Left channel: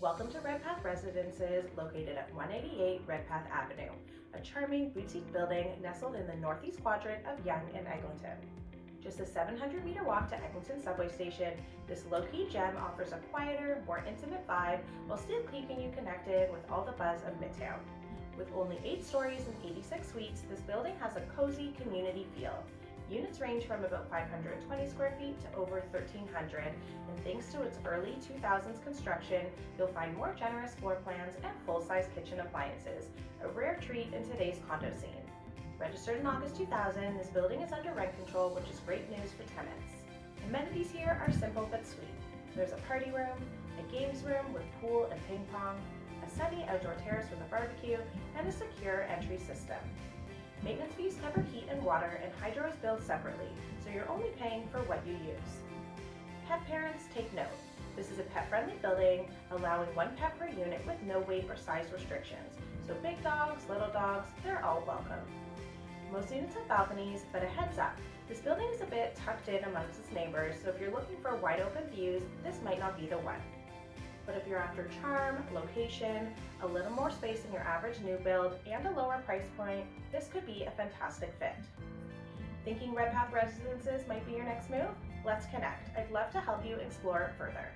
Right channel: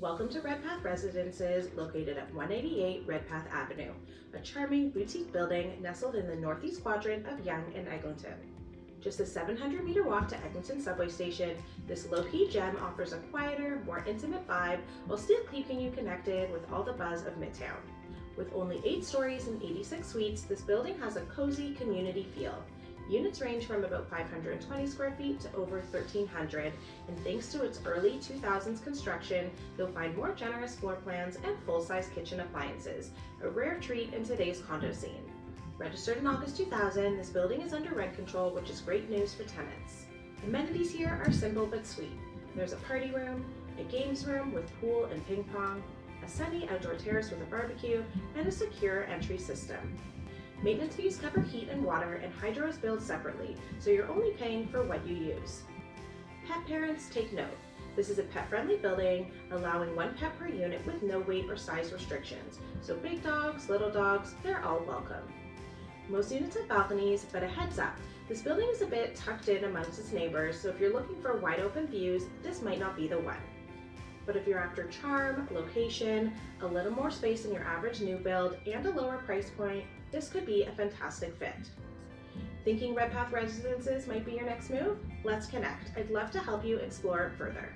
Welcome to Redpath Residences, located at 188 Redpath Avenue, a charming boutique building nestled in the northeast quadrant of Yonge and Eglinton. Just a 700-meter walk to Eglinton Subway Station, this low-key gem offers a quieter, more intimate vibe while still keeping you connected with all the buzz of midtown. With only 8 stories and 86 suites, this building has a cozy community feel. Units range from about 520 square feet to over 1,300, and thanks to its early 2000s construction, you'll find more generous floor plans and full-size kitchen appliances, a rare treat in today's condo scene. Registered in August 2000, this building is under rent control, which is great news for tenants. Amenities here are simple but sweet. There's a party room, a games room with pool and ping pong, a semi-outdoor terrace with a barbecue, and a secure entry system. Maintenance fees cover heat and water, and hydro is billed separately, so you're only paying for what you use. Pet parents, take note. This is a pet-friendly building, allowing 1 pet per unit with no weight or size restrictions, so big dogs, little dogs, they're all welcome. Most units have balconies, but a heads up, this building is a bit tucked in amongst its neighbors, so if you're looking for wide open views, this might not be the one. But if you're after charm, location, a little more space than your average new build, and a lower price point, this could be a fantastic fit. Thinking Redpath Residences might be your next move? Let's connect. I'd love to help you explore it further.